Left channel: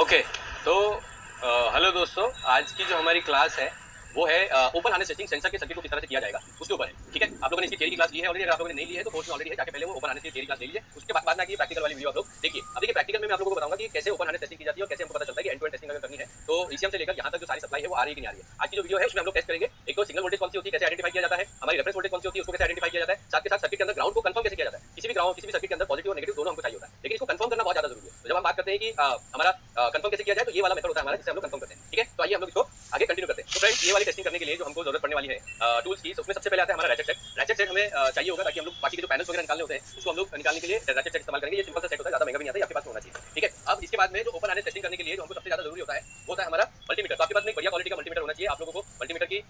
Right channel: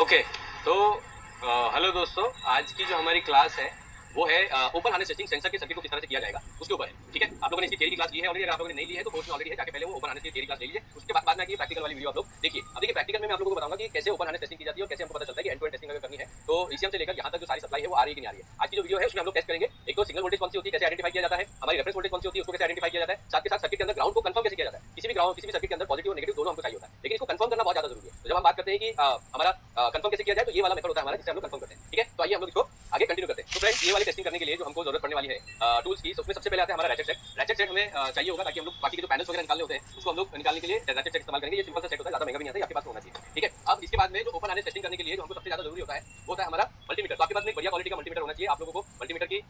Okay. तो hello दोस्तों, आज की जो हमारी क्लास है वो है ओपन हार्नेस टेस्टिंग सेंसर के सर्किट को किस तरह से किया जाएगा उसके ऊपर है। ठीक है, आप लोगों ने इसकी थियरी की क्लास ली है ऑलरेडी। अगर आप लोगों ने नहीं ली है तो कोर्स में ऑलरेडी है, जाके पहले वो ओपन हार्नेस की थियरी क्लास ले लीजिए। उसके बाद में आगे प्रैक्टिकल वाली वीडियो आप लोग देखिए। अब देखिए प्रैक्टिकल में मैं आप लोगों को बताऊंगा कि कैसे ओपन हार्नेस टेस्टिंग की जाती है और कैसे हमको पता चलता है कि एंड टू एंड टेस्टिंग अगर करनी है तो ईसीएम से लेकर यहाँ तक जो सारी सप्लाई है वो आ रही है कि नहीं आ रही है। आज की जो वीडियो है उसमें हम लोग टेस्ट करेंगे। एक तो सिंगल वोल्टेज कौन सी होती है, कैसे आइडेंटिफाई किया जाता है, हमारी रेफरेंस वोल्टेज कौन सी होती है उसको कैसे आइडेंटिफाई किया जाता है, साथ के साथ सर्किट के अंदर ग्राउंड को कंफर्म कैसे किया जाता है। किसी भी ग्राउंड किसी भी सर्किट के अंदर पॉजिटिव और नेगेटिव दोनों हमको चाहिए होता है, लेकिन इसको कंफर्म करना बहुत ज्यादा जरूरी है। तो जब हम बात करते हैं कि हमारा कंफर्म कैसे किया जाए तो ये वाला मेथड होता है हमारा, जिससे हम लोग कंफर्म करते हैं। ठीक है, तो आइए हम लोग इसको आगे कंटिन्यू करते हैं। तो फ्रेंड्स, ये वाली टेस्टिंग करने के लिए जो हमको जरूरत पड़ने वाली है टूल्स की, उसमें सबसे पहले आता है हमारा रैचेट सेट। रैचेट सेट हमें चाहिए होगा ताकि हम लोग बाकी के जो पैनल्स वगैरह निकालने होते हैं उसको हम लोग निकालने के लिए रैचेट सेट इस्तेमाल करेंगे। ये सिंपल सा सेट होता है, ज्यादा महंगा भी नहीं आता है, आपके पास होना चाहिए। ठीक है, अब इसके बाद में जो ओपन हार्नेस टेस्टिंग करने के लिए जो हमको सबसे ज्यादा जरूरी होता है वो होता है हमारा मल्टीमीटर। तो आपके पास में एक बढ़िया क्वालिटी का मल्टीमीटर होना चाहिए। आप लोगों को मल्टीमीटर की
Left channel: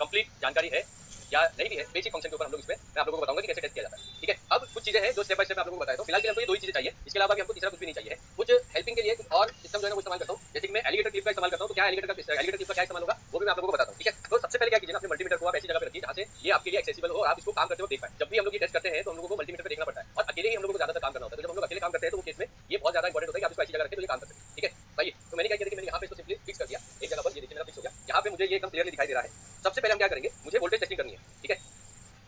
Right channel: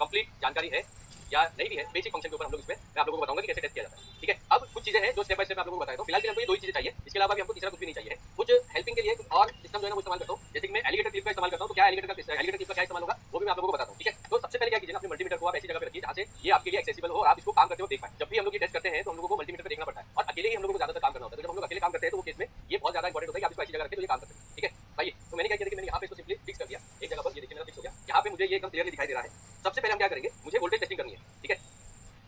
कंप्लीट जानकारी है या नहीं भी है, बेसिक फंक्शन के ऊपर हम लोग इसमें मैं आप लोगों को बताऊंगा कि कैसे टेस्ट किया जाता है। ठीक है, अब कुछ चीजें हैं जो स्टेप बाय स्टेप मैं आप लोगों को बताया हूं। फिलहाल के लिए हमको ये दो ही चीजें चाहिए, इसके अलावा भी हमको तीसरा कुछ भी नहीं चाहिए। कुछ हेल्पिंग के लिए कुछ और सिस्टम जो है ना वो इस्तेमाल करता हूं, जैसे कि मैं एलिगेटर क्लिप का इस्तेमाल करता हूं। तो क्या एलिगेटर क्लिप का क्या इस्तेमाल होगा वो भी मैं आप लोगों को बताता हूं। ठीक है, तो सबसे पहले क्या कीजिए ना, अपने मल्टीमीटर को आप ऐसी जगह पे रखिए जहां से ये आपके लिए एक्सेसिबल हो और आप इसको काम करते हुए देख पाए। जब भी हम लोग ये टेस्ट करते हैं तो हम लोगों को मल्टीमीटर पे देखना पड़ता है और अकेले ही हम लोगों को ज्यादातर काम करना होता है। तो जब हम लोग अकेले काम करते हैं तो वो केस में ये बहुत ज्यादा इंपॉर्टेंट होता है कि आप इसको ऐसी जगह रखें तो ये काम कर सके। ठीक है भाई, तो मैंने क्या किया कि मैंने यहाँ पे इसको सिंपली फिक्स कर दिया एक जगह पर। ये देखिए मेरा फिक्स हो गया, यहाँ पे मुझे ये एकदम क्लियरली दिखाई दे रहा है। सबसे पहले हम क्या करेंगे, मुझे वोल्टेज टेस्टिंग करनी है। ठीक है,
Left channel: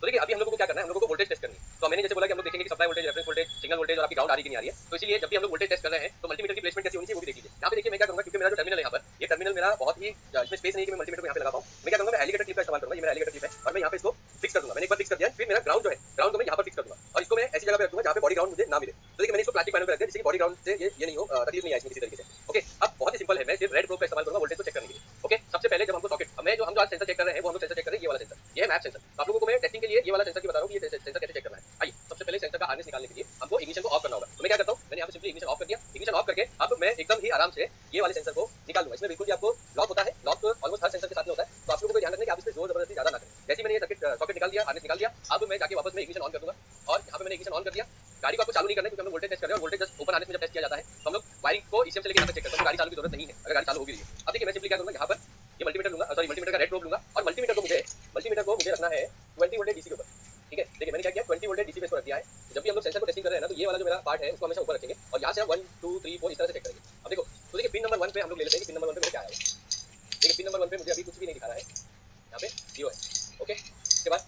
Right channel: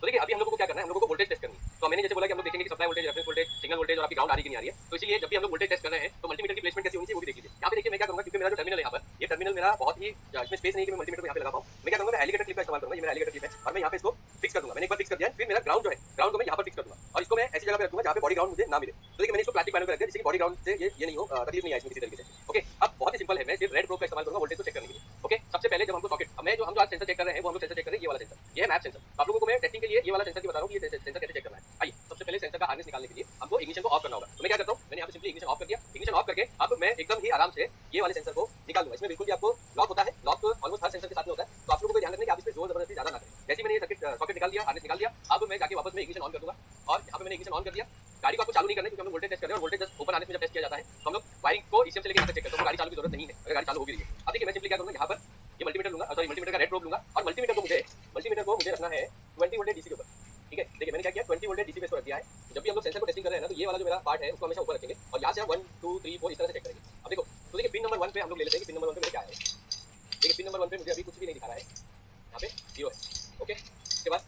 तो देखिए अभी हम लोगों को क्या करना है, हम लोगों को वोल्टेज टेस्ट करनी है। तो मैंने जैसे बोला कि हम लोग देखेंगे कि supply voltage, reference voltage, signal voltage और आपकी ग्राउंड आ रही कि नहीं आ रही है। तो इसीलिए जब भी हम लोग वोल्टेज टेस्ट कर रहे हैं तो मल्टीमीटर की प्लेसमेंट कैसी होनी चाहिए वो भी देख लीजिए। यहाँ पे देखिए मैं क्या करूंगा, क्योंकि मेरा जो टर्मिनल है यहाँ पर, ये टर्मिनल मेरा बहुत ही इसमें स्पेस नहीं है कि मैं मल्टीमीटर को यहाँ पे लगा पाऊँ। मैं क्या करूंगा, मैं एलिगेटर क्लिप का इस्तेमाल करूंगा। ये मेरा एलिगेटर क्लिप है और मैं यहाँ पे इसको फिक्स कर दूंगा। मैंने एक बार फिक्स कर दिया, फिर मेरा ग्राउंड जो है, ग्राउंड को मैं यहाँ पर फिक्स कर दूंगा और इसको मैं ऐसी जगह पे रखूंगा जहाँ पे बॉडी ग्राउंड मुझे ना मिले। तो देखिए मैंने इसको प्लास्टिक पैनल पे रख दिया जिससे कि बॉडी ग्राउंड से ये नहीं हो, तकलीफ नहीं आए इसमें किसी तरीके से। ओके, अब बहुत ही सिंपल है, मैं सिर्फ रेड प्रोब का इस्तेमाल करूंगा वोल्टेज को चेक करने के लिए। ओके, सबसे पहले जब हमको सॉकेट, मैं जो हम जो आज सेंसर चेक कर रहे हैं वो हम लोग सेंसर चेक कर रहे हैं ये वाला सेंसर, ये है मैप सेंसर। तो आप लोगों को मैं टेस्टिंग के लिए ये वाला सेंसर की बता रहा हूँ कि ये सेंसर कैसे चेक करना है। आइए, सबसे पहले सेंसर का हार्नेस निकालने के लिए हमको इग्निशन को ऑफ करना होगा। तो मैं क्या करता हूँ, मैंने यहाँ पे सिंपली इग्निशन ऑफ कर दिया। इग्निशन ऑफ करके अब मैं एकदम ही आराम से ये वाले सेंसर को निकाल दूंगा। इसमें बिल्कुल भी आपको लॉक होता है, लॉक ऑलमोस्ट हर सेंसर के साथ में होता है। तो आप लोगों को ध्यान रखना है कि आप इसमें जोर जबरदस्ती ज्यादा ना करें। जैसे मैंने ये सॉकेट निकाल दिया, हार्नेस निकाल दिया, अब मैं जाके वापस में इग्निशन ऑन कर दूंगा और यहाँ पे मैंने इग्निशन ऑन कर दिया। गाड़ी को आपको चालू नहीं करना है क्योंकि हम लोग वोल्टेज टेस्ट कर रहे हैं और वोल्टेज जस्ट ओपन हार्नेस में जब टेस्ट किया जाता है तो हम लोग वायरिंग को ईसीएम से लेकर यहाँ तक चेक करते हैं। तो गाड़ी चालू की जरूरत नहीं है अगर गाड़ी चालू हो भी रही है। अब देखिए मैं सिंपली क्या करूंगा, यहाँ पर ये मल्टीमीटर लूंगा, सॉरी मल्टीमीटर का रेड प्रोब लूंगा और मल्टीमीटर को मुझे रखना है 20 वोल्टेज डीसी के ऊपर। ठीक है, देखिए मैंने क्या किया, 20 वोल्टेज डीसी पे इसको रख दिया है। जब भी हम लोग सेंसर को टेस्टिंग कर रहे हैं ना तो ये वाला जो मेरा पार्ट है उसको हमेशा ऊपर रखेंगे और यहाँ से हम 1 2 3 4 इस तरह से चेक करेंगे। अब देखो, तो देखिए पिन नंबर 1 पे हम लोग ले लेते हैं कि पिन नंबर 1 पे मेरे क्या है। देखिए पिन नंबर 1 पे मुझे अभी कुछ भी नहीं दिखा रहा है, यहाँ पे 0 है। ओके, उसके बाद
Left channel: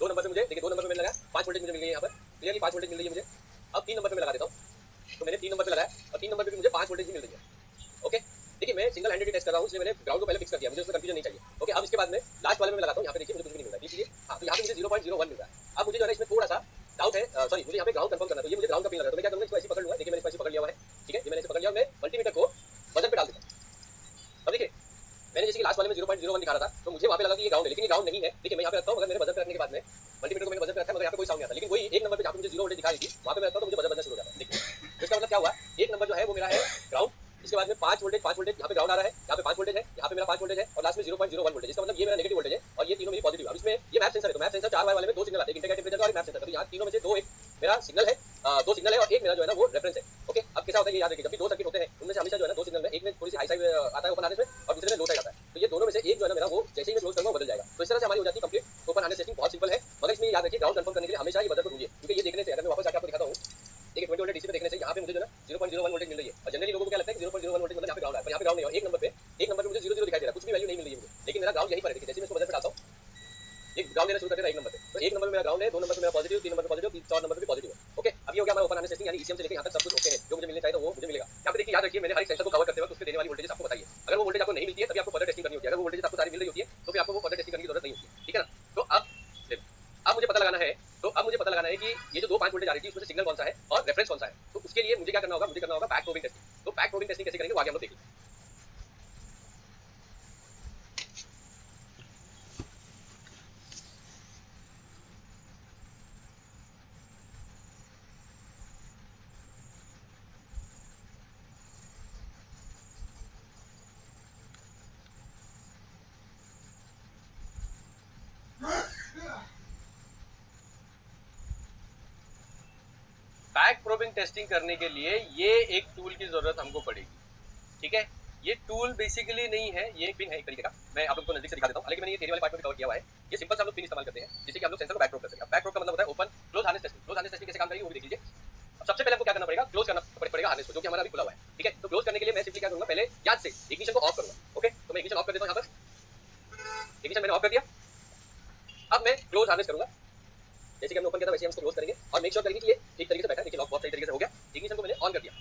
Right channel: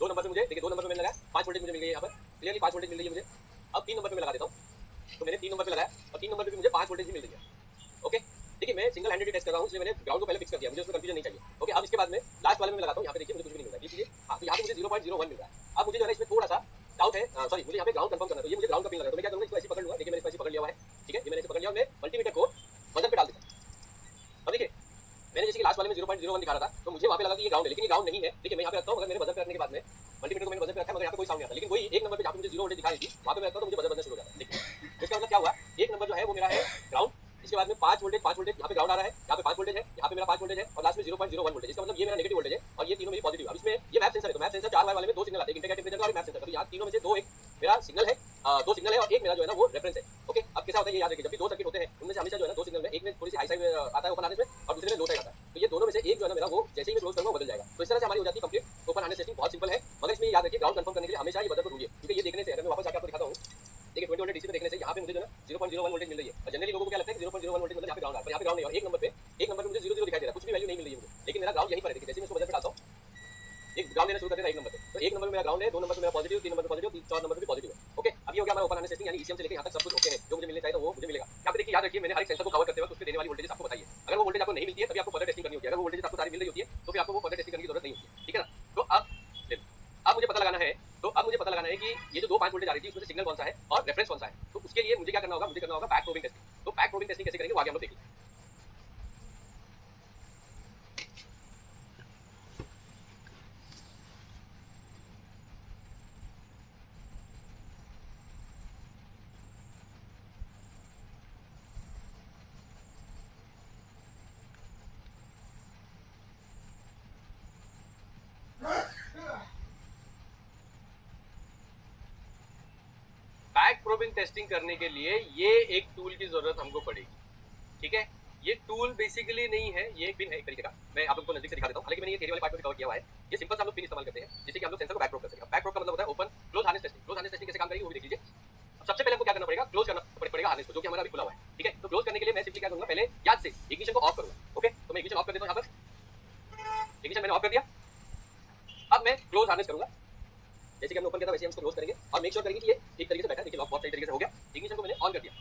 2 नंबर पे मुझे देखिए 2 नंबर पे मैंने लगाया 5 वोल्टेज मुझे मिल गई है, यहाँ पर क्लियरली 5 वोल्टेज मिल रही है मुझे। अब 3 नंबर पे मैं लगा देता हूँ। तो मैंने 3 नंबर पे लगाया और 3 नंबर पे भी मुझे 5 वोल्टेज ही मिल रही है। ओके, देखिए मैं सिंगल हैंडेड टेस्ट कर रहा हूँ इसलिए मैंने ग्राउंड को पहले फिक्स कर दिया, मुझे उसमें कंफ्यूजन नहीं चाहिए। ओके, अब इसके बाद में लास्ट वाले में लगाता हूँ, यहाँ पे देखिए मुझे कुछ भी नहीं मिल रहा है। देखिए हाँ, तो यहाँ पे मुझे 0.01 मिल रहा है। अब मुझे जो है इसमें थोड़ा सा डाउट है, सॉरी मुझे यहाँ पे ग्राउंड कंफर्म करना है। तो ये मुझे ग्राउंड का पिन लगा है, तो मैं क्या करूँगा, इसको ऐसे पकड़ लूंगा। देखिए मैंने इसको ऐसे पकड़ लिया हुआ है। ठीक है, ये मैंने इसे पकड़ लिया और मैं मल्टीमीटर को वजन पे डाल देता हूँ। अब देखिए मैंने जैसे कि लास्ट वाले में 0.01 दिखा रहा था तो मुझे वहाँ पे लगा कि ये ग्राउंड है, लेकिन ये ग्राउंड नहीं है। देखिए मैं यहाँ पे रखता हूँ, मगर मेरे वजन पे रखने के बाद में मल्टीमीटर को मैंने वजन पे रखा है मगर यहाँ पे कोई साउंड नहीं आता। लेकिन वही एक नंबर पे जहाँ पे मुझे 0 वोल्टेज दिखा रही थी वहाँ पे मैं रखता हूँ तो मुझे वजन शुरू हो जाता है। देखिए तो इसका मतलब क्या हुआ, एक नंबर जो है वो मेरा है ग्राउंड, इसके बाद में 5 वोल्टेज यहाँ पे ग्राउंड आ रहा है, यहाँ पे 5 वोल्टेज है, यहाँ पे मेरा 5 वोल्टेज है और लास्ट में 0.01 वोल्टेज। इसका मतलब ये मेरा नेगेटिव वोल्टेज है और ये तीनों मेरी पॉजिटिव। अब इसमें ये मैप सेंसर है, तो मैप सेंसर 4 वाले में 2 सिग्नल आते हैं, इंडिकेटर टेंपरेचर और मैप सेंसर। तो यहाँ तीनों में से दो, एक मेरा सिग्नल है, 2 सिग्नल है और एक मेरा जो है ना वो रेफरेंस है। ओके, अब कैसा होता है ये याद रखिए, जब भी 2 सर्किट होते हैं उनमें से हमेशा जो है ना 2 सिग्नल में एक में थोड़ी सी हाई साइड आता है ओपन हार्नेस में और दूसरे में लो साइड आता है। तो ये दोनों में से एक जो है ना मेरा वो जैसे ही मैं क्लोज करूंगा बदल जाएगा। तो इस तरह से हमारी हो जाती है कंप्लीट ओपन हार्नेस टेस्टिंग। बहुत सिंपल है, मगर इसमें याद रखिए ग्राउंड कंफर्म करने के लिए हमेशा ये बदल को ढूंढिए, क्योंकि ये देखने से अगर मैं वापस जाकर आपको दिखाता हूँ, देखिए 20 वोल्टेज डीसी पे देखने से यहाँ पे मुझे जो है 0.01 वोल्टेज मिल रही है और जनरली लोगों को क्या लगता है कि 0.01 वोल्टेज मतलब यहाँ पे ग्राउंड है, पर यहाँ पे ग्राउंड नहीं है। एक नंबर पे मुझे 0 दिखाई दे रहा है, कुछ भी वैल्यू नहीं मिल रही है मुझे, लेकिन मेरा ग्राउंड यहीं पर है। देखिए जैसे मैं इसको बदल पे डालता हूँ, एक ग्राउंड लेना शुरू कर देता है एक नंबर पे। तो एक नंबर पे मेरा ग्राउंड है, 2 नंबर पे मेरा पॉजिटिव, 3 नंबर पे पॉजिटिव, 4 नंबर पे भी पॉजिटिव है। ओके, अब ये हो गया हमारा ओपन हार्नेस टेस्टिंग, यानी ईसीएम से लेकर यहाँ तक सब कुछ ओके है। जो मुझे मिलना चाहिए तो वो मुझे मिलेगा। यहाँ पे देखिए याद रखिए मैंने हर एक सेंसर को कवर करते वक्त उसके देने वाली वोल्टेज आपको बताइए। अगर वो वोल्टेज आपको नहीं मिलती है तभी आपको फर्दर टेस्टिंग करनी होती है। अगर वो वोल्टेज आपको सारी मिल रही होती है तो फिर आपको वो फर्दर टेस्टिंग करने की जरूरत नहीं होती है। ठीक है ना, तो अब मुझे पता लगाना है, कि ये जो 5 वोल्टेज आ रही थी उसमें से सिग्नल कौन सा है और रेफरेंस कौन सा है। तो उसके लिए मुझे क्या करना होगा, मुझे करना होगा बैक प्रोबिंग टेस्टिंग। तो बैक प्रोबिंग टेस्टिंग कैसे करेंगे वो आगे हम लोग देखेंगे। बैक प्रोबिंग टेस्टिंग करने के लिए ये एक टूल की जरूरत हमको पड़ेगी। ठीक है, ये टूल बेसिकली नहीं है, ये एक पिन है एक तरीके का। मैं आप लोगों को नजदीक से दिखा देता हूँ, हालांकि मैंने ये थियरी वाले पार्ट में कवर किया हुआ है। ये सिंपल सा हम लोग पिन इस्तेमाल करते हैं जिससे कि हम लोग सेंसर को बैक प्रोब कर सकें। बैक प्रोब का मतलब होता है open close harness testing. Close harness testing कैसे काम करेगी वो भी देख लीजिए। सबसे पहले हमको क्या करना पड़ेगा, क्लोज करना पड़ेगा हार्नेस को, जो कि हमारा अभी खुला हुआ है, ठीक है। तो क्लोज करने के लिए मैं सिंपली क्या करूंगा, पहले याद से इग्निशन को ऑफ करूंगा, ओके। तो मैं इग्निशन ऑफ कर देता हूं, यहाँ पर इग्निशन मैंने ऑफ कर दिया। अब मैं क्लोज हार्नेस करूंगा, जैसे कि हमने ओपन किया था वैसे हम इसको क्लोज करेंगे और मेक श्योर करेंगे कि ये ठीक तरीके से बैठा है। देखिए लॉक बहुत सही तरीके से हो गया। इग्निशन को मैंने ऑन कर दिया,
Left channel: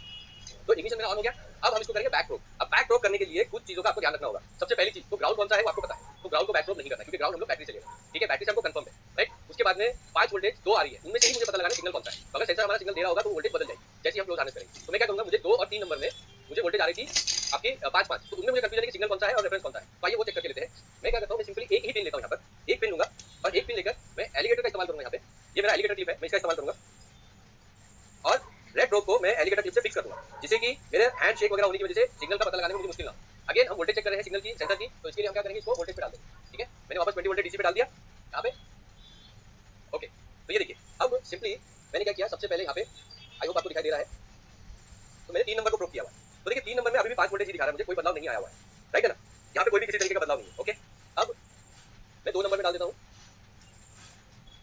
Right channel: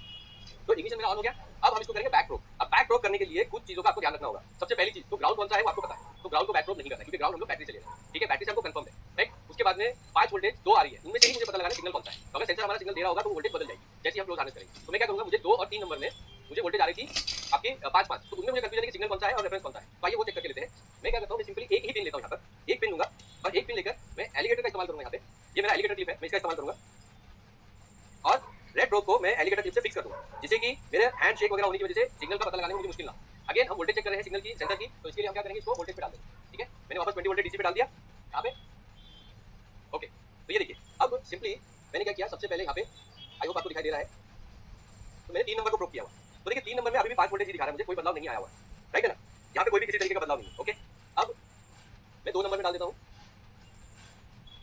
तो इग्निशन मेरा ऑन हो गया। अब हम इसको करेंगे बैक प्रोब। अब बैक प्रोब करने के लिए कुछ चीजों का आपको ध्यान रखना होगा। सबसे पहली चीज, तो ग्राउंड कौन सा है वो आपको पता है, तो ग्राउंड को बैक प्रोब नहीं करना है, क्योंकि ग्राउंड हम लोग बैटरी से ले रहे हैं, ठीक है। बैटरी से हमको कंफर्म है, राइट। उसके बाद में 5 वोल्टेज 2 आ रही है, उनमें से ही मुझे पता लगाना सिग्नल कौन सा है। तो अगर सेंसर हमारा सिग्नल दे रहा होगा तो वोल्टेज बदल जाएगी जैसे हम क्लोज हार्नेस करेंगे। तो मैं क्या करूंगा, मुझे 2 और 3 नंबर में मुझे वोल्टेज आ रही थी आपके 5-5, तो उनमें मुझे कंफ्यूजन है कि सिग्नल कौन सा है और रेफरेंस कौन सा है। तो आइए वो चेक करके लेते हैं। मैं क्या करता हूं, मैं सिंपली एक ही पिन लेता हूं, यहां पर एक पिन लूंगा और एक पिन लेकर मैं एलिगेटर का इस्तेमाल करूंगा। यहां पे ये मेरा एलिगेटर क्लिप है, मैं इसका इस्तेमाल करूंगा और रेड प्रोब को मैं एलिगेटर क्लिप से फिक्स कर दूंगा, जिससे कि मेरे हैंड शेक वगैरह होने की वजह से सिग्नल का पता लगाने में मुझे मुश्किल ना हो। अगेन हम वोल्टेज चेक कर रहे हैं सिग्नल की, सेंसर की, तो इसके लिए हम क्या करेंगे, इसको वोल्टेज पे डाल देंगे, ठीक है। मैंने वापस 20 वोल्टेज डीसी पे डाल दिया यहाँ पे, ओके। तो ये देखिए, अब सिंपली मैंने क्या किया, सबसे पहले यहाँ पे आई होप आपको दिखाई दे रहा है, तो मैंने 3 नंबर को प्रोब किया हुआ। तो देखिए 3 नंबर में अभी भी 5 वोल्टेज ही दिखा रहा है, मुझे कोई बदलाव नहीं आया हुआ है, राइट है ना। यहाँ पे कोई भी किसी तरीके का बदलाव नहीं है, ओके। अब मैं 2 नंबर में डाल देता हूँ,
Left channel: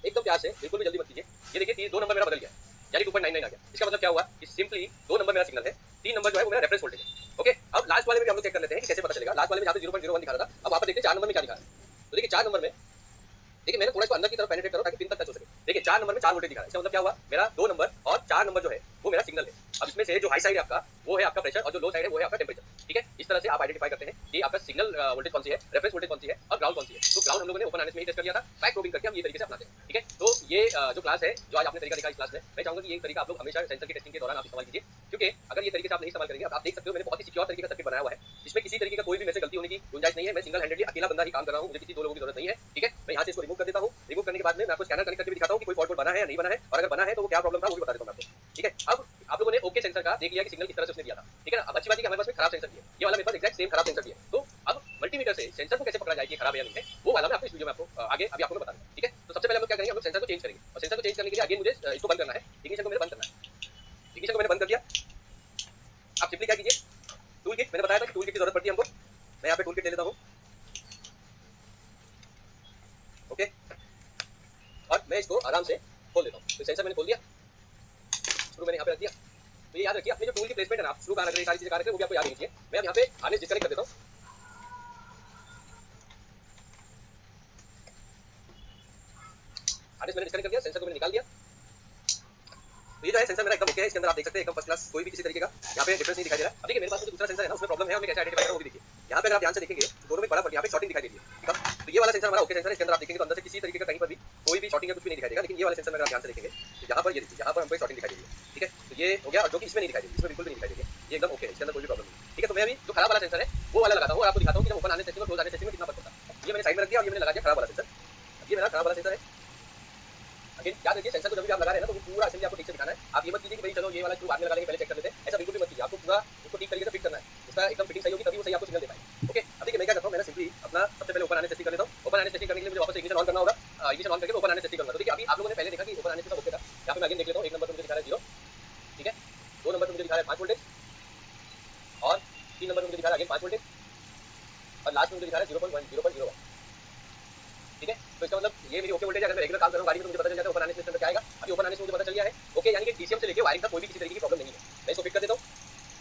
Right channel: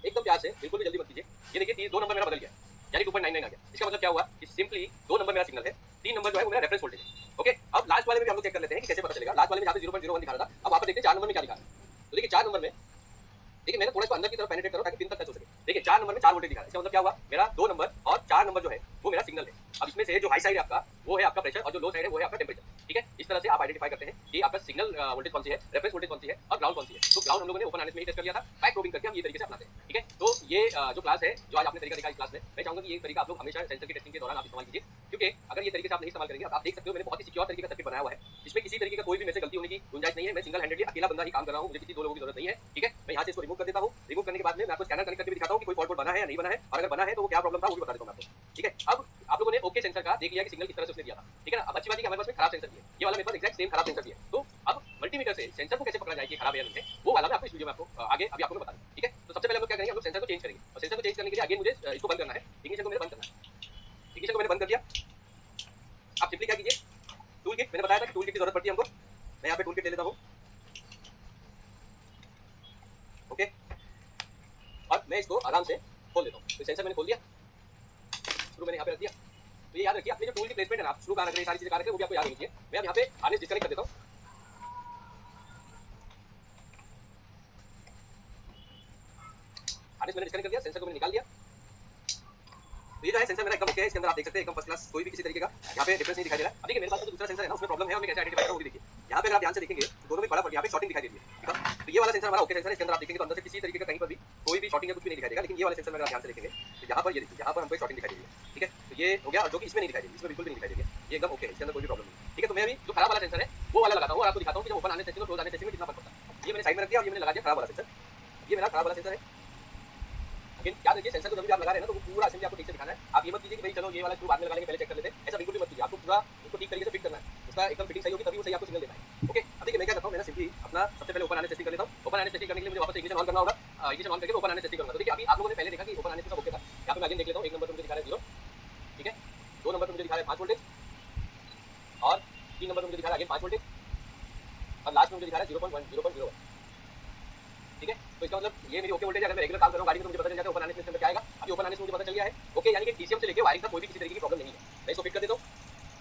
एकदम प्यार से, बिल्कुल भी जल्दी मत कीजिए। ये देखिए 2 नंबर मेरा बदल गया, यानी 2.99 आ गया। इसका मतलब क्या हुआ कि सिंपली 2 नंबर मेरा सिग्नल है, 3 नंबर जो है वो मेरा रेफरेंस वोल्टेज है, ओके। अब लास्ट वाले में भी हम लोग चेक कर लेते हैं कि कैसे पता चलेगा। लास्ट वाले में जहाँ पे 0.01 दिखा रहा था, अब आप देखते हैं 4 नंबर में क्या दिखा रहा है। तो देखिए 4 नंबर में, देखिए मैंने थोड़ा इसको अंदर की तरफ पेनिट्रेट करो ताकि पिन तक टच हो सके। देखिए 4 नंबर में 4 वोल्टेज दिखा रहा है, इसका मतलब क्या हुआ, मेरा 2 नंबर और 4 नंबर जो है वो मेरा सिग्नल है। अब इसमें से जो हाई साइड है आपका वो है आपका प्रेशर और जो लो साइड है वो है आपका टेम्परेचर, ठीक है। इस तरह से आप आइडेंटिफाई करते हैं कि आपका सिग्नल वोल्टेज कौन सी है, रेफरेंस वोल्टेज कौन सी है और ग्राउंड कौन सी है। तो ग्राउंड हम लोगों ने ओपन हार्नेस में ही टेस्ट कर लिया था, बैक प्रोबिंग करके हम ये तरीके से अपनाते हैं, ठीक है। तो ये जो क्लास है, जो आज आपने तरीका देखा इस क्लास में, मैं चाहूंगा कि ये तरीका आप लोग हमेशा सेंसर की टेस्टिंग के दौरान आप इस्तेमाल कीजिए, क्योंकि अगर ये तरीके से आप नहीं इस्तेमाल करेंगे, आप देख सकते हो मैंने बहुत ही सिक्योर तरीके का सर्किट बनाया हुआ है, इसमें किसी तरीके का कोई भी मेरे से गलती होने की गुंजाइश नहीं है। मैं सिंगल हैंडेडली अकेला बंदा ही काम कर रहा हूँ, मुझे किसी 2 लोगों की जरूरत नहीं है, ठीक है। मैं यहाँ से इसको रिमूव कर देता हूँ। रिमूव करने के बाद में मैं आपको स्कैनर कनेक्ट करके भी दिखाता हूँ कि कोई फॉल्ट कोड बना है या नहीं बना है, और अगर बना है तो वो क्या प्रॉब्लम था वो भी बता देता हूँ मैं आपको, ठीक है। अब आप लोगों ने ओके सेंसर का देख लिया कि सिग्नल किस तरह से उसने दिया था, ठीक है ना। अब अच्छी बात है कि हमारे पास में खराब सेंसर भी है, ये वाला मेरे पास एग्जैक्ट सेम खराब सेंसर भी है। तो अब मल्टीमीटर से सेंसर को कैसे पकड़ा जाए कि खराब है या नहीं है, वो वाला मैं आपको इस वीडियो में आपको आगे अभी आपको मैं बता दूंगा, ठीक है। तो सबसे पहले हम लोग क्या करेंगे, हम लोग सेंसर को चेंज करेंगे और सेंसर को चेंज करने के लिए अगेन मुझे इसको बंद करना है, इग्निशन को मेरे बंद करना है। इग्निशन को मैंने बंद कर दिया। आप सिंपली क्या कीजिए, टूल किट, मैंने बताया था कि टूल किट की जरूरत पड़ती है हमको, मैं यहाँ पे टूल किट ले लेता हूँ, ओके। और मैं इसको आराम से खोल देता हूँ। तो सेंसर मैंने खोल दिया, स्क्रू मैंने यहाँ पे रख दिया। तो ये याद रखिए, अपने जो टूल की प्लेसमेंट है ना, आप स्क्रू कहाँ रख रहे हैं, सारी चीजें कहाँ रख रहे हैं वो भी आपको याद रखिए। मैं अब यहाँ पे हार्नेस डिस्कनेक्ट कर देता हूँ, हार्नेस मैंने डिस्कनेक्ट कर दिया, सेंसर को मैंने निकाल दिया। तो ये जो है सेंसर मेरा एकदम ओके है, इसके अंदर आप देख सकते हैं एकदम फर्स्ट क्लास, कोई भी किसी तरीके का यहाँ पे डिफरेंस नहीं दिखाई दे रहा है। अब देखिए मेरे पास जो दूसरा सेंसर है ना, उसमें प्रॉब्लम है और मैं कैसे आइडेंटिफाई करूँ वो भी देखिए। यहाँ पे अगर आप ध्यान से देखेंगे तो दोनों में बड़ा फर्क, यहाँ पे शॉर्टिंग दिखाई दे रही है, ठीक है। तो ये वाला सेंसर हमारा ओके सेंसर है, इसके अंदर आप देखेंगे तो अंदर से किसी तरीके का कहीं पर भी कोई भी शॉर्टिंग या कुछ भी नहीं दिखाई देगा। लेकिन ये वाला सेंसर में अगर आप ध्यान से देखेंगे तो यहाँ पर ये देखिए, यहाँ पर हमको शॉर्टिंग दिखाई दे रही है, ठीक है। तो ये हो गया, और जो कि इसमें नहीं दिखाई दे रही, इसमें बिल्कुल भी नहीं दिखाई दे रही है, ये एकदम ओके है, इसके अंदर कोई भी प्रॉब्लम नहीं, ठीक है। तो मैं अभी जो खराब वाला सेंसर है वो वाला लगाता हूँ और आपको दिखाता हूँ कि जब ओपन हार्नेस टेस्टिंग और क्लोज हार्नेस टेस्टिंग में कितना फर्क पड़ता है। ये मैंने साइड में रख दिया और ये मैंने लगा दिया खराब वाला सेंसर। ये मेरा खराब वाला सेंसर है। अगेन याद रखिए, सेंसर को जब भी आप लगा रहे हैं ना, तो वो पूरा असेंबली आपको ठीक से दिखाना है। आप ये मत कीजिए कि भाई चलो ये वाला स्क्रू बाद में लगा लेंगे, पहले चेक कर लेते हैं, ऐसा बिल्कुल भी मत कीजिए। आपको पूरा उसको ठीक तरीके से फिट करना है, उसका एकदम फिटिंग सही होगी तभी वो सही आपको सिग्नल दे पाएगा, ओके। अब देखिए मैं क्या करता हूँ, मैंने सिंपली अपना सबसे पहले ओपन हार्नेस टेस्टिंग कर लेता हूँ। ओपन हार्नेस टेस्टिंग करने के लिए मुझे वापस इग्निशन ऑन करना होगा, इग्निशन ऑन करके ओपन हार्नेस टेस्टिंग करूंगा। तो देखिए अभी आप लोगों ने पहले देखा कि ओपन हार्नेस सब ओके था। यहाँ पे मैं अगेन देख लेता हूँ, 1 नंबर पर मुझे दिखा रहा है 0, ठीक है। 2 नंबर पर मुझे दिखा रहा है 5 वोल्टेज और 3 नंबर पर मुझे दिखा रहा है अगेन 5 वोल्टेज और लास्ट में मुझे दिखा रहा है 0.01, ठीक है। तो इसका मतलब ये मेरी ओके वोल्टेज है। अगर मैं रेगुलर काम कर रहा हूँ गाड़ी में तो मुझे पता चल जाता है ओपन हार्नेस में क्या आएगा। अभी ओपन हार्नेस में मुझे पता चल गया है, ओके, यानी कि डीसीएम से लेके वायरिंग तक कोई भी किसी तरीके की प्रॉब्लम नहीं है। मैं इसको फिट कर देता हूँ,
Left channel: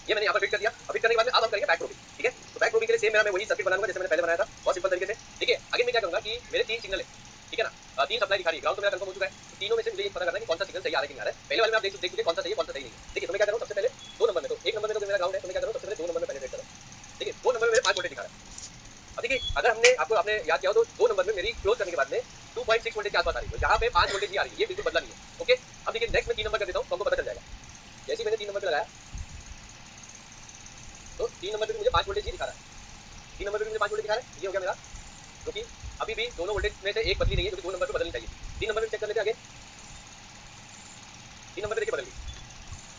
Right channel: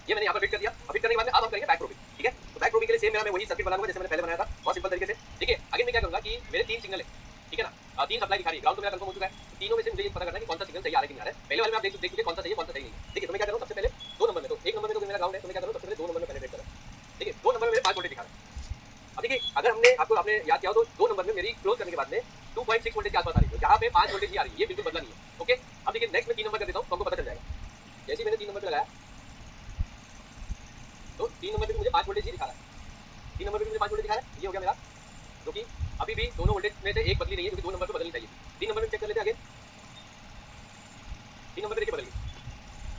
ये मैंने यहाँ पर फिट कर दिया। अब फिट करने के बाद में अब हम करेंगे बैक प्रोबिंग, ठीक है। तो बैक प्रोबिंग के लिए सेम मैं वही सर्किट बनाऊंगा जैसे मैंने पहले बनाया था, बहुत सिंपल तरीके से, ठीक है। आगे मैं क्या करूंगा कि मेरे 3 सिग्नल है, ठीक है ना, 3 सप्लाई दिखा रही है, ग्राउंड तो मेरा कंफर्म हो चुका है। तो तीनों में से मुझे ये पता करना है कि कौन सा सिग्नल सही आ रहा है कि नहीं आ रहा है। पहले वाले में आप देख लीजिए कौन सा सही है कौन सा सही नहीं है, ठीक है। तो मैं क्या करूँ, सबसे पहले 2 नंबर में, तो 1 नंबर में तो मेरा ग्राउंड है, तो मैं क्या करूँ सबसे पहले 2 नंबर में पेनिट्रेट करूँ, ठीक है। 2 नंबर में मेरे 5 वोल्टेज दिखा रहा है। अब देखिए अगर आपने याद किया हो तो 2 नंबर में मेरी क्लोज करने के बाद में 2.6 वोल्टेज के आसपास आ रही है, तो यहाँ पे 5 वोल्टेज ही आ रही है, ये बिल्कुल बदला नहीं है, ओके। अब देखिए नेक्स्ट में 3 नंबर कर देता हूँ तो हमको पता चल जाएगा। जैसे मैंने 3 नंबर पे लगाया तो 3 नंबर पे मुझे 5 वोल्टेज ही दिखा रहा है, 3 नंबर पे मुझे 5 वोल्टेज दिखा रहा है, ये हो गया मेरा, जो कि अभी भी दोनों वोल्टेज में से एक बदली नहीं है, जो कि 2 नंबर पे बदलनी चाहिए। 3 नंबर पे चेक कर लेते हैं, आगे 3 नंबर पे देखिए बदल गई।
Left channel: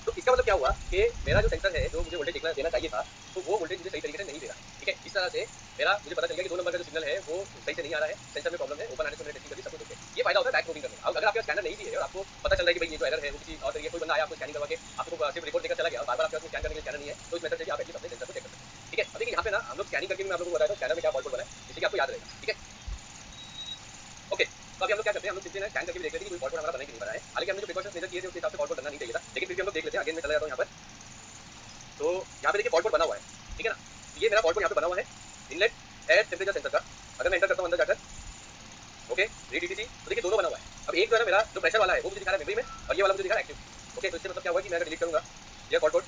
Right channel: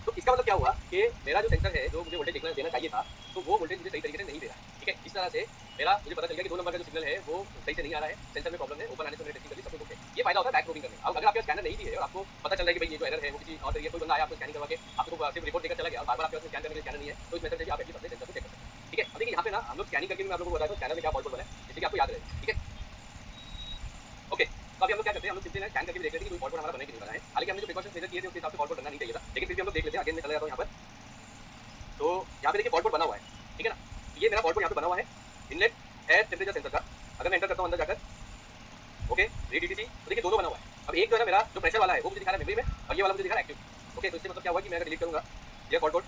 तो इसका मतलब क्या हुआ कि मेरा जो सेंसर है जो मुझे वोल्टेज देना चाहिए था, तो वो वोल्टेज मुझे सही तरीके से नहीं दे रहा, ठीक है। इस तरह से मेरा मुझे पता चल गया कि 2 नंबर का जो सिग्नल है वो सही से नहीं आ रहा है, सेंसर में प्रॉब्लम है। ओपन हार्नेस में मैंने टेस्टिंग करी, सब कुछ ओके। ये फायदा होता है बैक प्रोबिंग करने का। अब अगर आपके स्कैनर नहीं भी है और आपको पता चल रहा है कि भाई ये जो एरर है वो किसी और तरीके कोई बंदा आया आपको स्कैनिंग करवा के आपको सिर्फ रिपोर्ट देकर चला गया और बार-बार आपके पास स्कैन करने के लिए स्कैनर नहीं है, तो इस मेथड से भी आप एटलीस्ट अपने सेंसर को चेक कर सकते हैं, ठीक है। अब देखिए यहाँ पे ना हम लोग स्कैनिंग करके भी मैं आप लोगों को बताया था स्कैनर में क्या फॉल्ट बना है, जिससे कि आपको याद रहेगा, ठीक है, ओके। तो अभी हम लोग क्या करते हैं, हम लोग सिंपली ना स्कैन करके भी देख लेते हैं कि कोई फॉल्ट हमारा बना कि नहीं बना है। हालांकि हमने जो प्रिकॉशंस मेजर किए थे उसके हिसाब से फॉल्ट बनना नहीं चाहिए था, लेकिन फिर भी हम लोग देख लेते हैं। अगेन मैं चला जाता हूँ यहाँ पर, तो यहाँ पे देखिए फॉल्ट बना हुआ है, ठीक है ना। ये मेरा फॉल्ट यहाँ पे बना हुआ है इनलेट एयर टेम्परेचर सेंसर का। अगर मैं एंटर करता हूँ अंदर जाकर, ओके रीड डीटीसी, तो देखिए दोनों बना हुआ है। अब एक जो है ना मेरा जो प्रेशर वाला है वो मुझे दिखा रहा है मेमोरी में, और ये वाला मुझे दिखा रहा है एक्टिव। ओके, तो इससे मतलब क्या हुआ कि मैं अगर डिलीट करूंगा ये fault code,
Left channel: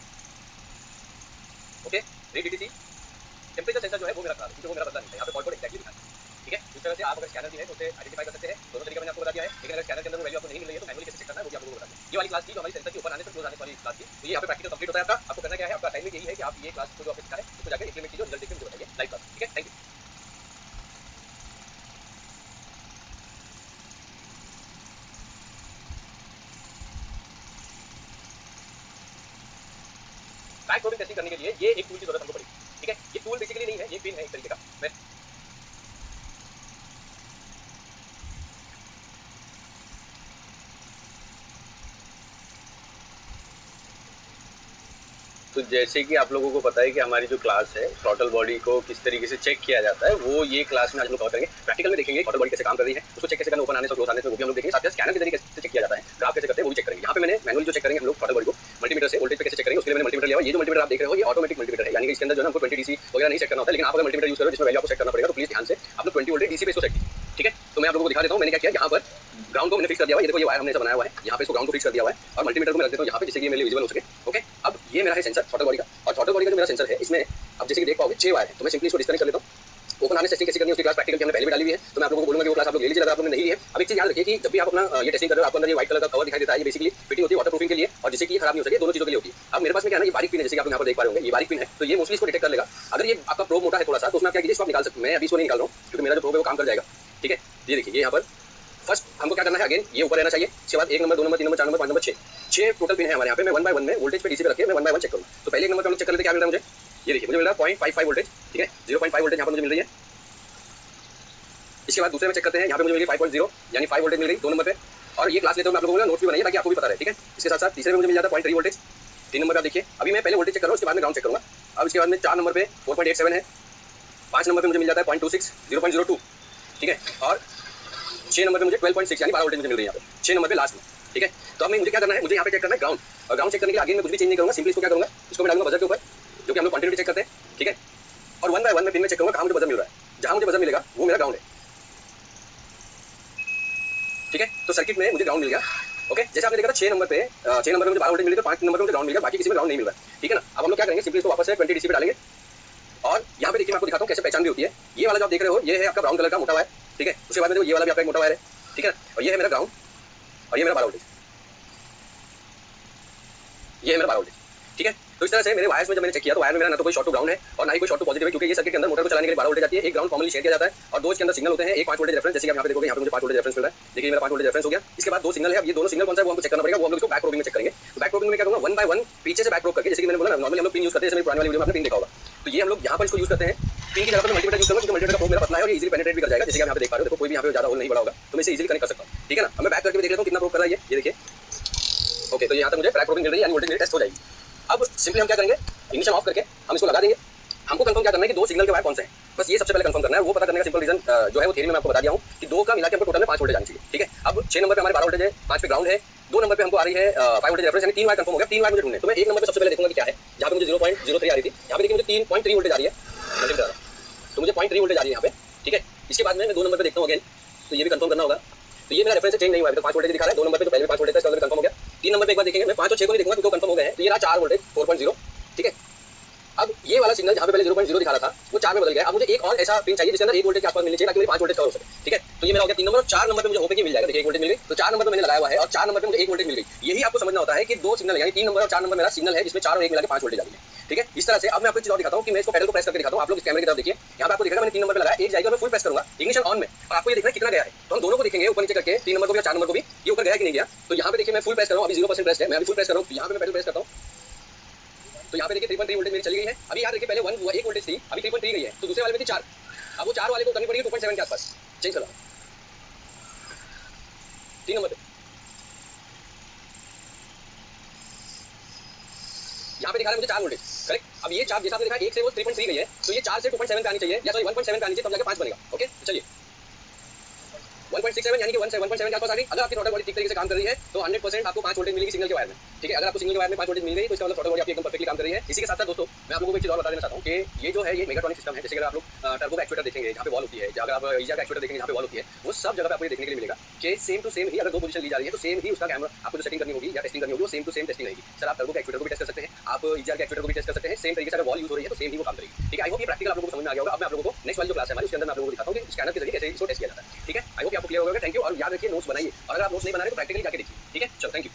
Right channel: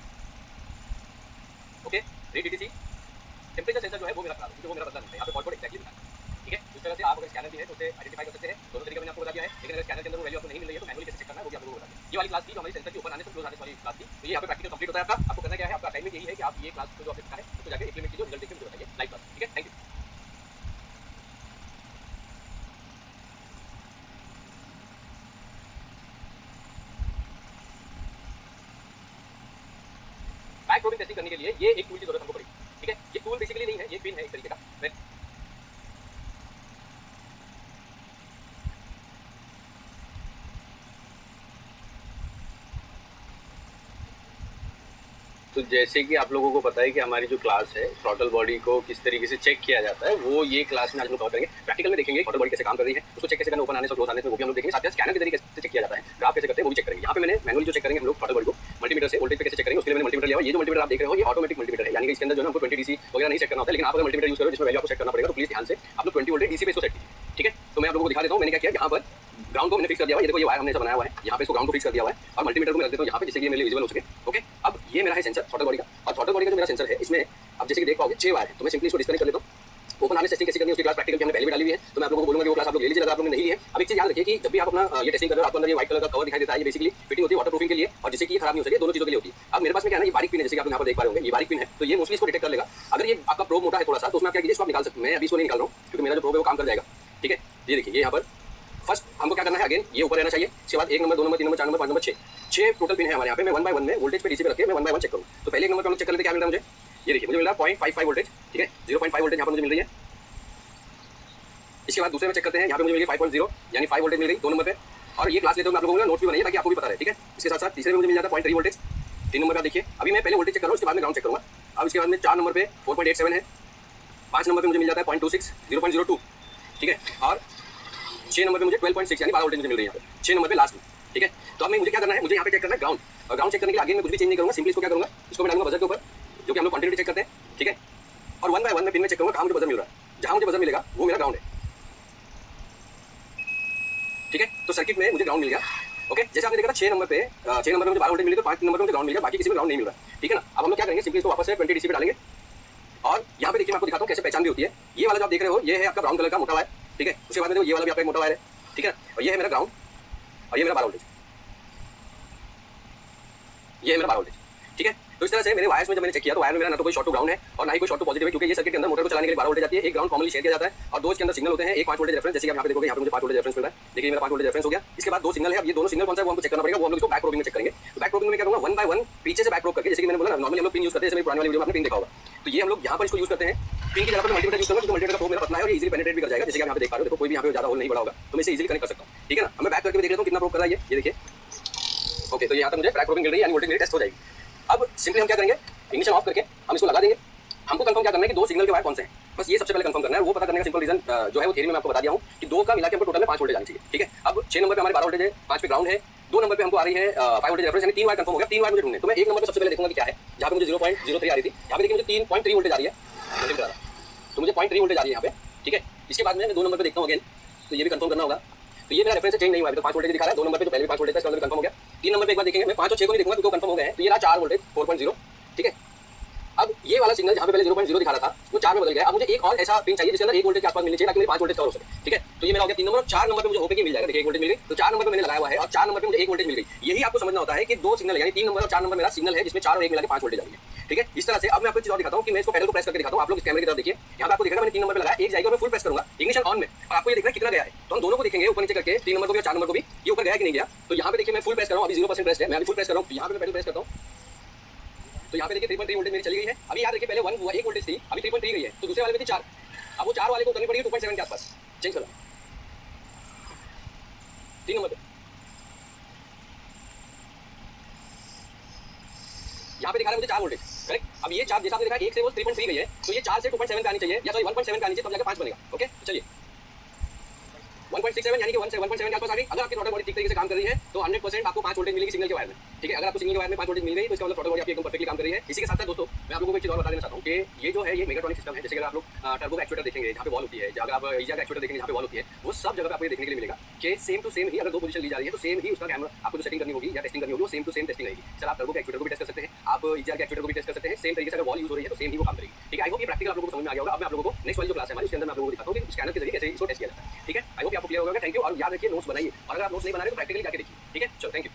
okay read DTC, temperature sensor जो है वो मेरा खराब है क्योंकि वो मेरा बदला नहीं है, यहाँ पे फॉल्ट कोड एक्जैक्टली दिखा है, ठीक है। इस तरह से आप अगर स्कैनर भी है तो उसे आइडेंटिफाई कर सकते हैं। दोनों तरीके मैंने आपको बता दिया है, लेकिन अगर स्कैनर के अंदर वो वैल्यू आपको नहीं मिल रही है तो मैनुअली कैसे चेक करना है वो भी आप लोगों को बता दें। ये वाली क्लास थी जो हमारी सेंसर के ऊपर आने से क्लोज आने वाली क्लास थी। तो ये यहाँ पे प्रैक्टिकल कंप्लीट होता है आपका। आपको करना क्या है, आपका असाइनमेंट यही है कि आप ये क्लास को जो आपने सीखा है उसको जाकर इंप्लीमेंट कीजिए, रिजल्ट देखिए, मुझे बताइए लाइव क्लास, ठीक है। Thank you. Back probing testing करने के लिए ये एक टूल की जरूरत हमको पड़ेगी, ठीक है। ये टूल बेसिकली नहीं है, ये पिन है एक तरीके का। तो जैसे कि आप लोगों को पता है कि हमारी जो क्लास है थ्रॉटल बॉडी को किस तरीके से चेक किया जाता है, वो ये क्लास में आज हम लोग कवर करेंगे। प्रैक्टिकल में देखेंगे थ्रॉटल बॉडी कैसे काम कर रही है, उसको चेक कैसे करना, ओपन आने से क्लोज आने से वो भी हम लोग देखेंगे। साथ ही स्कैनर के जरिए कैसे चेक किया जाता है, ग्राफ कैसे करते हैं वो भी चेक करेंगे। यहाँ पे मैंने मैनुअली जो चेक करेंगे हम लोग थ्रॉटल बॉडी को मल्टीमीटर से वोल्टेज पे कैसे चेक करेंगे उसके लिए मैंने मल्टीमीटर लिया हुआ है। ये जो मल्टीमीटर आप देख रहे हो ये ऑटोमेटिक मल्टीमीटर है, यानी कि इसके अंदर जो है हमको 20 डीसी वगैरह नहीं चेक करना होता है। लेकिन आप अगर मल्टीमीटर यूज करो जिसमें वैल्यू आपको चेक करना पड़ेगा तो प्लीज ध्यान से आप लोग 20 वोल्टेज डीसी पे इसको सेट कीजिए, ठीक है। तो मैं आप लोगों को दिखा देता हूँ मैंने क्या किया। यहाँ पर ग्राउंड को मैंने फिक्स कर दिया हुआ है, ये देखो ये वायर हमने ऐसा बनाया हुआ है, यहाँ पे इसको ग्राउंड को फिक्स कर दिया हुआ है और मल्टीमीटर को मैं रख देता हूँ यहाँ पे जिससे कि ये मेरे लिए विजिबल हो सके, ओके। अब ये मेरा है सेंसर थ्रॉटल बॉडी का, और थ्रॉटल बॉडी का जो मेरा सेंसर है इसमें अब जैसे कि देख पाओगे 6 वायर है। तो मैं सिंपली इसको डिस्कनेक्ट कर लेता हूँ। ओपन हार्नेस टेस्टिंग कैसे करनी है उसकी क्लास प्रैक्टिकल की हमने पहले भी डाली हुई है, तो मैं आप लोगों को बोलूंगा कि वो क्लास आप लोग ले लीजिए अगर आप लोगों ने नहीं ली है। अब एक चीज याद रखिए कि जब भी आप अपना ये टेस्टिंग कर रहे हो आपको अंदर ये व्हाइट कलर का कवर दिखाई देता है, ये बेसिकली फिटिंग होती है वाटरप्रूफिंग के लिए और जिससे कि खराब नहीं हो सके, दोनों चीजों के लिए होती है। अब मेरे पास में क्या है ना, ये बारीक पिन है जैसे कि आप यहाँ पर देख पा रहे होंगे, ये बारीक पिन है तो ये मोस्टली इसको डिटेक्ट कर लेगा। अगर ये आपका प्रोब मोटा है थोड़ा सा तो उसमें आप क्या कीजिए इसको आप निकाल सकते हैं। मैं अभी इसको नहीं निकाल रहा हूँ क्योंकि मेरा जो प्रोब है वो काम कर जाएगा, ठीक है। ये देखिए ये यहाँ पर फर्स्ट हमको क्या करना है, अगेन ये ऊपर रहना चाहिए। इसके बाद 1 number 2 number 3 number 4 number 5 number 6 total pin है हमारे यहाँ पे। मैं 1 बाय 1 में वोल्टेज पे डीसी पे रख के मैं 1 बाय 1 चेक करूँगा। तो पहले 1 नंबर पे हम चेक कर लेते क्या मिल रहा है मुझे। ये देखिए मुझे मिल रहा है 0.55 वोल्टेज, ठीक है। 0.5 वोल्टेज यहाँ पर मुझे मिल रही है। इसके बाद दूसरे में चेक करते हैं, यहाँ पे मुझे मिली 5.0 यानी 5 वोल्टेज मिल गई 2 नंबर पे। और ये क्लास लेते हुए मैं आप लोगों को नोट्स भी बनाइए ताकि आपको भी पता रहे, ठीक है। इसके साथ साथ तीसरे में मुझे मिल जाता है 0.3 वोल्टेज। 3 नंबर पे आप देखिए अभी मैं पहले वोल्टेज चेक कर रहा हूँ, उसके बाद में ग्राउंड चेक करूँगा। अब इसके बाद में 4 नंबर पे 4.87 है। 5 नंबर पे मुझे मिल जाता है 0.26 0.02, ठीक है। और 6 नंबर पे मुझे 12.6 यानी 12 वोल्टेज मुझे मिल रही है यहाँ पे 6 नंबर पे लास्ट में, ठीक है। तो अब मैं मुझे क्या करना है, मुझे यहाँ पे चेक करना है ग्राउंड। और ग्राउंड चेक करने के लिए आगे मैं कुछ भी चेंज नहीं करूँगा, सिंपली इसको क्या करूँगा, इसको मैं डालूंगा बजर के ऊपर जो कि हम लोग क्वांटिटी चेक करते हैं, ठीक है। और 1 बाय 1 में पिन में चेक करूँगा कहाँ मुझे बजर मिल रहा है, जहाँ मुझे बजर मिलेगा वो मेरा ग्राउंड है, ठीक है। तो सर्किट में मुझे ग्राउंड मिल गया, ओके। जैसे आपने देखा था 6 नंबर पे 6 नंबर पे मुझे 12 वोल्टेज मिल गया, 5 नंबर पे मुझे ग्राउंड मिल गया, बाकी किसी में ग्राउंड नहीं मिल रहा है, ठीक है ना। अब हम लोग क्या करेंगे, सिंपली इसको वापस से 20 डीसी पे डालेंगे। और यहाँ पे देखिए मैं आपको दिखाता हूँ कैसे पहचान भी होती है। ये वाला जो आप देख रहे हो ये है आपका ब्राउन कलर का मोटा वायर, ठीक है। उसके बाद में ये वाला भी आपका एक मोटा वायर है, ठीक है। और ये है मेरा ग्राउंड और ये मेरा 12 वोल्टेज, ये है मेरा 12 वोल्टेज, ठीक है। तो इस तरह से मेरे वायर्स में जब मैंने चेक किया तो वायर में मेरा ना तो कोई शॉर्ट टू ग्राउंड है और ना ही कोई शॉर्ट टू पॉजिटिव है, क्योंकि ये सर्किट के अंदर मोटर को चलाने के लिए 12 वोल्टेज आती है। एक ग्राउंड कॉमनली शेयर किया जाता है और दो इसके अंदर सिग्नल होते हैं, एक 5 वोल्टेज रेफरेंस, जैसे कि आप यहाँ पे देखोगे यहाँ पे मुझे 5 वोल्टेज रेफरेंस मिल रहा है। देखिए मेरा 5 वोल्टेज रेफरेंस हो गया। इसके बाद दो सिग्नल है, अब ये दोनों सिग्नल कौन सा है वो हमको चेक करना पड़ेगा, वो हम लोग इसको बैक प्रोबिंग में चेक करेंगे। तो बैक प्रोबिंग में क्या करूँगा, 1 बाय 1 पीछे से बैक प्रोब करके, जैसे कि मैंने बोला नॉर्मली हम लोग पिन यूज करते हैं, जैसे पुरानी वाली वीडियो में आपने पिन देखा होगा। तो ये हम लोग यहाँ पर इसको यूज करते हैं। पिन की जगह पर मल्टीमीटर यूज करूँगा क्योंकि मल्टीमीटर का प्रोब मेरा पतला है और ये इजीली पेनिट्रेट भी कर जाएगा, जैसे कि आप यहाँ पे देख पा रहे हो। देखो कोई भी यहाँ पे ज्यादा होल नहीं बड़ा होगा तो मैं इसे इजीली कनेक्ट कर सकता हूँ, ठीक है ना। अब मैं बैक करके भी देख लेता हूँ कितना प्रोब कर रहा है ये देखिए, ओके। तो यहाँ तक मुझे बैक प्रोबिंग मिल रही है यानी वोल्टेज मेरी टेस्ट हो जाएगी। अब सिंपली हम क्या करेंगे, इग्निशन ऑफ करके हम इसको लगा देंगे। हमको कंफर्म क्या करना है कि दो सिग्नल के वायर कौन से हैं, बस ये सबसे पहले कंफर्म करना है। वो पता करने का सिंपल रीजन जो है वो थ्योरी में मैं आपको बता दिया हूँ कि दो का मिला के हमको टोटल में 5 वोल्टेज आनी चाहिए, ठीक है। अब 6 नंबर पे हमारे 12 वोल्टेज है, 5 पे ग्राउंड है, 2 नंबर पे हमको आ रही है 5 वोल्टेज रेफरेंस, यानी 3 वायर कंफर्म हो गया। 3 वायर मुझे ढूंढने, तो मैं 1 नंबर पे सबसे पहले देखूंगा कि क्या है। जहाँ पे मुझे 0.03 आ रही थी, यहाँ पे देखिए मुझे 3.3 वोल्टेज आ रही है, तो मुझे 0.3 वोल्टेज आ रही है यहाँ पे, ठीक है। इसके बाद में मैं 2 नंबर पे देखता हूँ अगेन, तो ये भी कंफर्म करना होगा। तो ये मेरा रेफरेंस चेंज नहीं हुआ है, तो 5 वोल्टेज दिखा रहा है। 2 नंबर पे जो पहले 5 वोल्टेज था इसका कंफर्म हो गया। 3 नंबर पे एक बार देखेंगे, मैं 5 और 6 को नहीं देखूंगा क्योंकि कंफर्म हो गए हैं। तो ये रहा 4 वोल्टेज 4.0, ठीक है। अब ये वाला सिग्नल जहाँ पे पहले 0.0 दिखा रहा था वो 4 में बदल गया। अब मुझे एक और ऐसा पिन चाहिए जिसके अंदर 1 वोल्टेज के आसपास मिलनी चाहिए ताकि मेरी 5 वोल्टेज कवर हो सके, ठीक है। तो ये मेरा हो गया 3 नंबर। और 4 नंबर पे मुझे होके मिल जाएगा, देखिए 1 वोल्टेज मिल गई। तो 4 नंबर पे मैंने लगाया हुआ है और 4 नंबर पे मुझे 1 वोल्टेज मिल गई। यही आपको समझना होता है कि दो सिग्नल यानी 3 नंबर और 4 नंबर मेरा सिग्नल है जिसमें 4 और 1 मिला के 5 वोल्टेज आ गई है, ठीक है। इस तरह से अब मैं आपको एक चीज और दिखाता हूँ कि मैं इसको पैडल को प्रेस करके दिखाता हूँ। आप लोग इस कैमरे की तरफ देखिए, यहाँ पे आपको दिखेगा मैंने 3 नंबर पे लगाया, एक जाएगा मैं फुल प्रेस करूंगा इग्निशन ऑन में, और आपको ये देखना कितना गया है। तो हम दोनों को देखेंगे ऊपर नीचे करके, 3 नंबर को भी और 4 नंबर को भी, ये ऊपर गया कि नहीं गया। तो यहाँ पे देखिए मैं फुल प्रेस कर रहा हूँ, अभी 0% प्रेस है, मैं अभी फुल प्रेस कर रहा हूँ। यहाँ पे मैं पैडल प्रेस करता हूँ तो यहाँ पे देखिए 3.3 वोल्टेज मेरी चली गई है। अभी याद रखिए पहले 1 वोल्टेज थी, अभी 3.3 गई है। तो दूसरे वाले में थी 4, अब वो 4 वाले को करनी पड़ेगी 2.7 के आसपास चेंज करना। 3 नंबर पे यहाँ पे दिखा रहा है मुझे 4 वोल्टेज, करेक्ट। अब ये 4 जैसा आपने देखा 1 से वो 3.3 गई है, तो ये 4 से 2.7 पे आनी चाहिए, या सॉरी 1.7 पे आनी चाहिए, तब जाके 5 बनेगा, ओके। चलिए 1.67 यानी कि 1.7 के आसपास आ गई। अगर आपकी थ्रॉटल बॉडी ठीक तरीके से काम कर रही है तो 100% आपको 5 वोल्टेज मिलेगी सिग्नल के वायर में, ठीक है। अगर आपको सिग्नल के वायर में 5 वोल्टेज मिल गई तो इसका मतलब थ्रॉटल बॉडी आपकी एकदम परफेक्टली काम कर रही है। इसी के साथ साथ दोस्तों मैं आप लोगों को एक चीज और बता देना चाहता हूँ कि ये जो है ये मेगाट्रॉनिक सिस्टम है। जैसे अगर आप लोग टर्बो का एक्चुएटर देखेंगे जहाँ पे वॉल होती है, अगर आप ईजा का एक्चुएटर देखेंगे जहाँ पे वॉल होती है, वो सब जगह पे आपको ये देखने के लिए मिलेगा कि सेम टू सेम ही अगर दो पोजीशन ली जा रही है तो सेम ही उसका कैमरा आपको जो सेटिंग करनी होगी या टेस्टिंग करनी होगी वो सेम टू सेम टेस्टिंग रहेगी। सर आप टर्बो का एक्चुएटर को भी टेस्ट कर सकते हैं, आप ईजा के एक्चुएटर को भी टेस्ट कर सकते हैं। सेम तरीके से अगर वॉल यूज हो रही है तो सेम ही वो काम करेगी, ठीक है। आई होप ये प्रैक्टिकल आप लोगों को समझ में आ गया होगा। अब मैं आप लोगों को नेक्स्ट वाली जो क्लास है हमारी उसके अंदर मैं आप लोगों को दिखाता हूँ कि स्कैनर के जरिए कैसे इसको टेस्ट किया जाता है, ठीक है। आई होप आपको क्लियर होगा। Thank you. और याद रखिए नोट्स बनाइए, और अगर आप नोट्स नहीं बना रहे तो प्रैक्टिकली जाके देखिए, ठीक है। चलो थैंक यू।